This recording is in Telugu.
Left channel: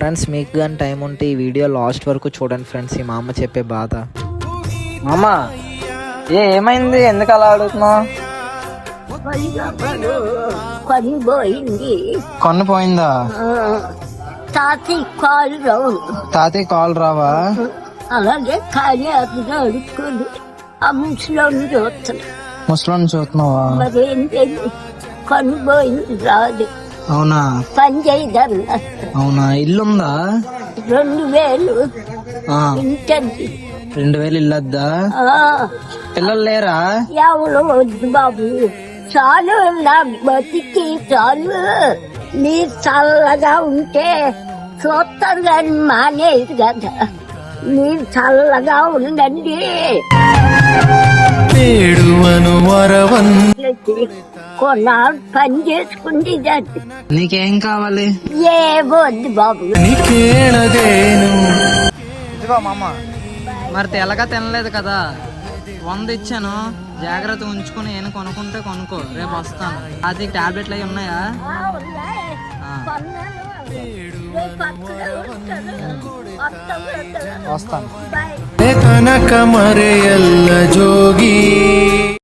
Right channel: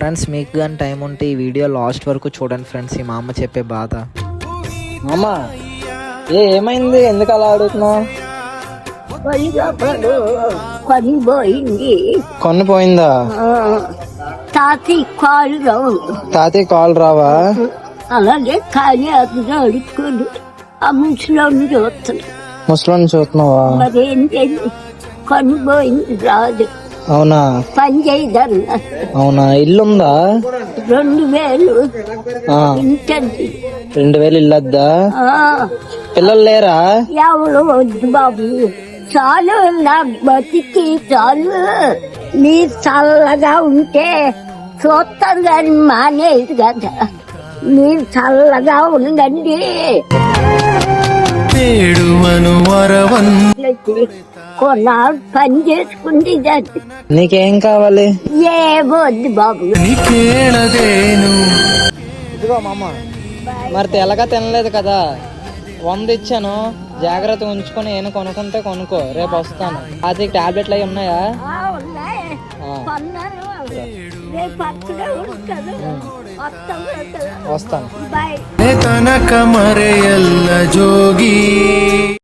ఫ్రెండ్స్ మీకు కానీ టైం ఉంటే ఈ వీడియో లాస్ట్ వరకు చూడండి ఫ్రెండ్స్. ఈ మా అమ్మ చెప్పే బాధ. అమ్మ ఏమైంది, ఎందుకు అలా అడుగుతున్నావు? కొన్ను పోయిందా? తాతయ్య కాల్ రావా? అలాగే ఖాళీ అదుగా అడుక్కొని ఆ ముసలోని చూస్తున్నా. ముసలోని చూస్తున్నావా? మరేంటి కొనిపోయింది రాదు. అవునా? పని చేయదన్నా. అవునా? ఇల్లుందా? 2000 ఇంటది. 2000 ఇల్లద్దా? పిల్లలు లేరా? ఎవరు వద్దు బాబు, చాలు నా బతికి చాలు. మీరు చల్లగా ఉంటే చూస్తారు కానీ మానేది కదా. మీరు చల్లగా ఉండండి. కొన్నాళ్ళు పని చేసుకుంటే నీకేం కావాలి? ఏ వద్దు బాబు. ఇదిగో మామ, మరి తెల్లగా తినలేదు కదా, 100 ఇచ్చాను, జాగ్రత్త ఉంచుకొని ఏమైనా కొనుక్కుంటే కొనుక్కో, రేపు వస్తాను. అది టాబ్లెట్లు అవి ఉన్నాయా? వస్తాను. బాయ్.